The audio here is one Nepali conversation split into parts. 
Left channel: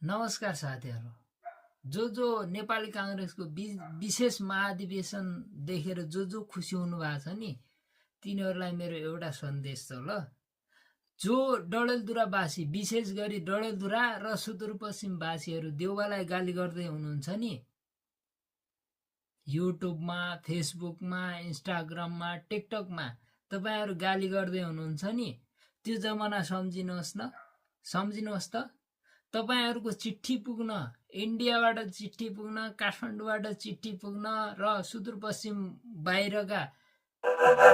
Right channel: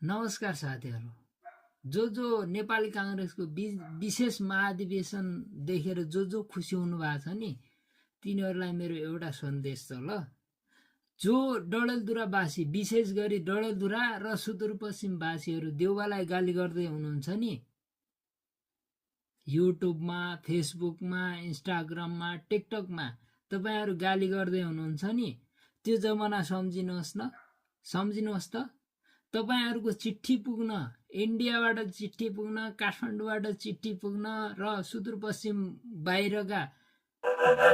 नमस्कार साथीहरू। जो नेपाली कांग्रेसको विशेष महाधिवेशन देखेर जो खुसी हुनु भएको छ नि तिनीहरूलाई मेरो एउटा सन्देश छ ल। जो डडेलधुरावासी विशेष गरी डडेलधुरा र सुदूरपश्चिमवासीहरू देउवालाई गाली गर्दै हुनुहुन्छ नि, युट्युबमा, फेसबुकमा, इन्स्टाग्राममा, टिकटकमा तपाईहरु गाली गर्दै हुनुहुन्छ नि, त्यो जमाना सम्झिनुहोस् न, सम्झिनुहोस् त। तपाईहरुको चिठी पुग्न, इन्डियाबाट चिठी पुग्न, काठमाडौँबाट चिठी पुग्न र सुदूरपश्चिम बाहिरका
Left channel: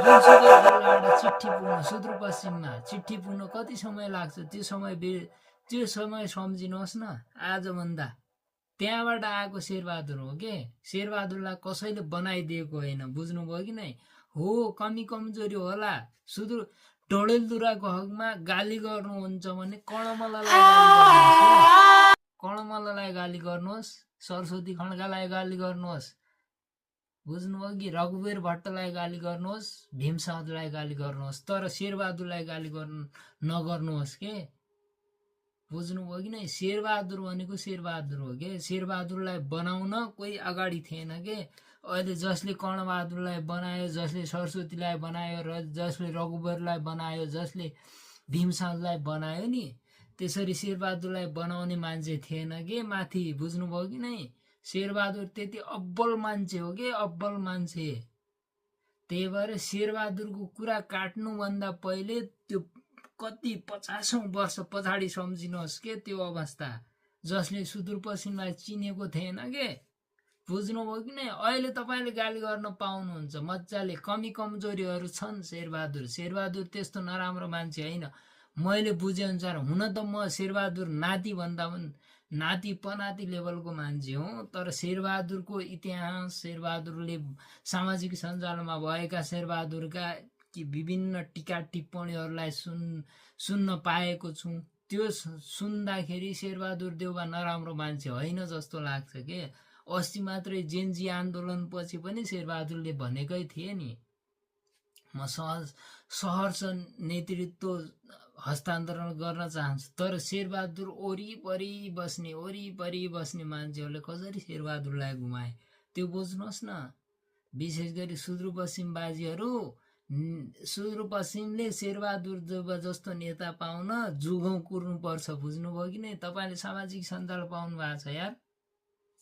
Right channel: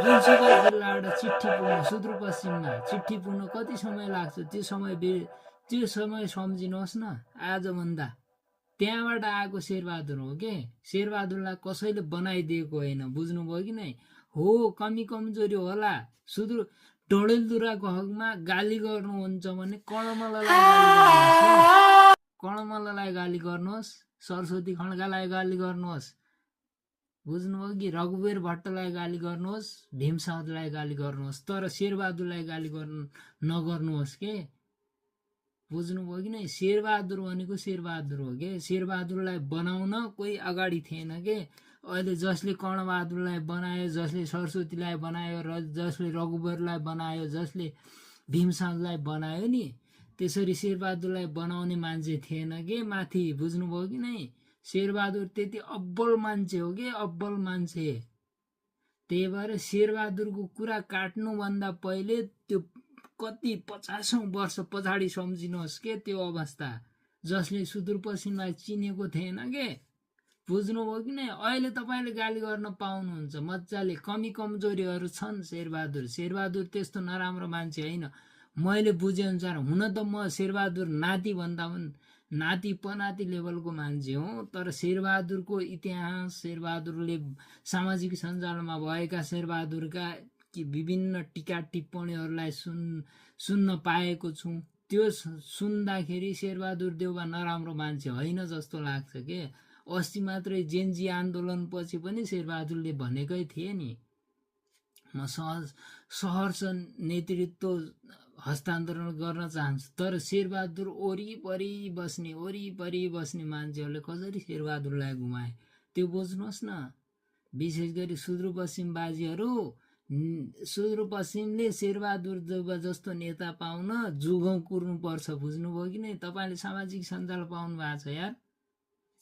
जुनसुकै जिल्लाबाट चिठी पुग्न, सुदूरपश्चिममा चिठी पुग्न कति समय लाग्छ? त्यो समय सम्झिनुहोस् न आजभन्दा। त्यहाँबाट आएको शेरबहादुर हो के? शेरबहादुरलाई कसैले बनाइदिएको होइन, बुझ्नुभयो कि नै? हो, कमी कमजोरी होला। सुदूर डडेलधुराको हकमा गाली गर्नुहुन्छ भने कणमल्ललाई गाली गर्नुहोस्, सरस्वती खड्कालाई गाली गर्नुहोस्, बुझ्नुभयो कि? रघुवीर भट्टलाई गाली गर्नुहोस्, भीमसाउदलाई गाली गर्नुहोस्, तर शेरबहादुरलाई गाली नगर्नुहोस् के? बुझ्नुभयो कि नै? शेरबहादुर भनेको शेरबहादुर हो के? शेरबहादुरलाई बनाउन कोही अगाडि थिएन के? अहिले जसले कर्णबहादुरलाई बनायो, जसले सरस्वतीलाई बनायो, र जसले रघुवीरलाई बनायो, जसले भीमसाउदलाई बनायो नि, त्यसरी शेरबहादुरलाई बनाउने मान्छे थिएन के माथि? बुझ्नुभयो कि नै? शेरबहादुर त्यति अब्बल मान्छे हो के? अब्बल मान्छे। त्यही भएर शेरबहादुरको कुरा काट्नुभन्दा पहिले त्यो कति 50औं वर्ष पछाडि सम्झिनुहोस् के त्यो अवस्था, जसले सुदूरपश्चिमलाई चिनेको थिएन के? बुझ्नुभयो कि नै? अहिले तपाईले गाली गर्न पाउनुहुन्छ मजाले। कमी कमजोरीहरू छन् शेरबहादुर त्यस्तो नराम्रो मान्छे होइन। मैले बुझे अनुसार, हुन त म शेरबहादुर नाति भन्दा पनि नाति पनाति लेभलको मान्छे हो, तर शेरबहादुरको इतिहास, शेरबहादुरले सामाजिक सञ्जालमा भएका शेरबहादुरका विभिन्न टीका टिप्पणीहरूलाई सुन्न पाएको छु। त्यो सुन्दाखेरि शेरबहादुर देउवा नराम्रो मान्छे होइन जस्तो लाग्छ के? अस्ति मात्रै जेनजी आन्दोलन पछि पनि शेरबहादुरले भनेकै थिए नि, म सहर्ष नेतृत्व हस्तान्तरण गर्न चाहन्छु। तर शेरबहादुर वरिपरि बस्ने मान्छेहरूले कसरी शेरबहादुरलाई घुमाए त्यो बुझ्नुहोस् न। विशेष गरी सुदूरपश्चिमवासीहरू, सुदूरपश्चिमले शेरबहादुर देउवा जस्तो नेता पाउन जुगौँ कुर्नुपर्छ, बुझ्नुभयो कि नै? तपाईले सामाजिक सञ्जाल पाउनु भएको छ यार,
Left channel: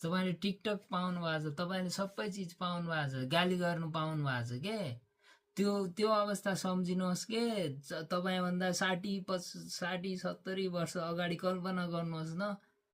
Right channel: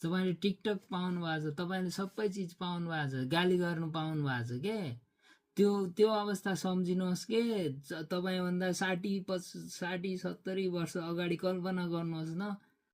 तपाईले टिकटक पाउनु भएको छ, तपाईले सबै चिज पाउनु भएको छ, गाली गर्नु पाउनु भएको छ के? त्यो अवस्था सम्झिनुहोस् के? तपाईभन्दा 60-70 वर्ष अगाडि कल्पना गर्नुहोस् न।